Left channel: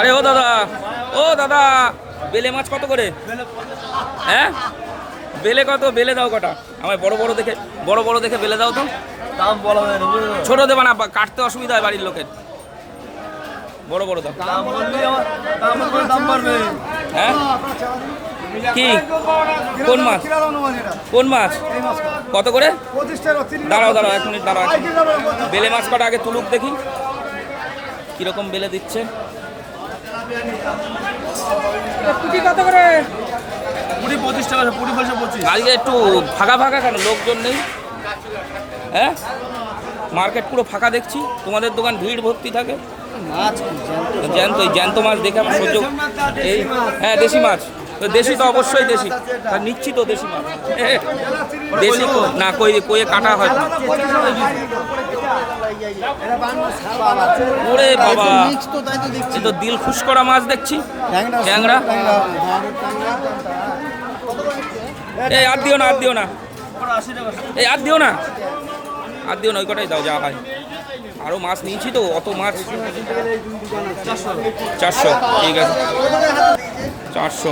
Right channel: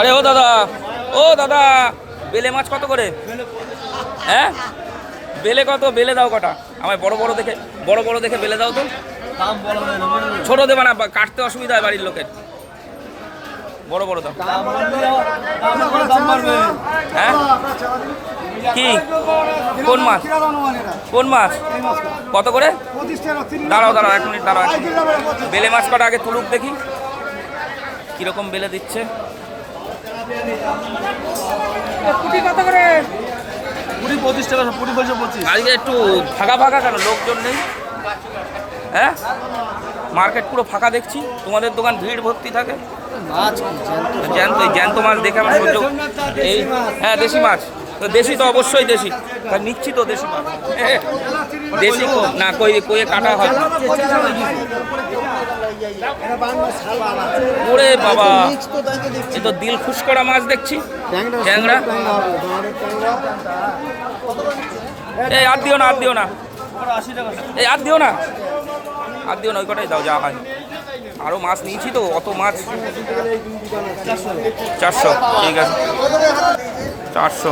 আরে ও দাদা বেলে মাছ কত করে? হ্যাঁ বেলে কত? বেলে দাও কটা আমায়, বড় বড় দেখে বেলে দাও তো। দাম বলা হয় না, ছোট দেবে না, কাটতে অসুবিধা হয় বাড়ির লোকের। বড় বড় দাও। দাম বাড়বে। হ্যাঁ কি কোন মাছ? কোন মাছ কত করে? দাঁড়াও এক মিনিট দাঁড়াও। বেলে মাছ কটা আগে তুলুক দেখি কিরকম বেলে দিচ্ছে। কত করে? 25 টাকা, 25। আজকে একটু ফাঁকা কেন, লোকজন নেই? হ্যাঁ মার্কেট পুরো ফাঁকা দেখছি, তোমাদের দোকান ভিড় ভর্তি থাকে। মাছ জ্যান্ত মাছ দেখে আমার সহ্য। এই হ্যাঁ দেশি মাছ, তো দেশি তো অবশ্যই দেশি, আর নিচ্ছি তো দেশি মাছ। দেশি তো না, কই কাটা হয় না। ওরে বাবা, এ তো দিল খুশ করা মাছ দেখছি, ট্যাংরা। এই আর দিও না এই আর দিও না ওই কটাই দাও যা হয়। আরো মাছ নিয়েছি তো, অত মাছ। 400 ঠিক আছে, 400।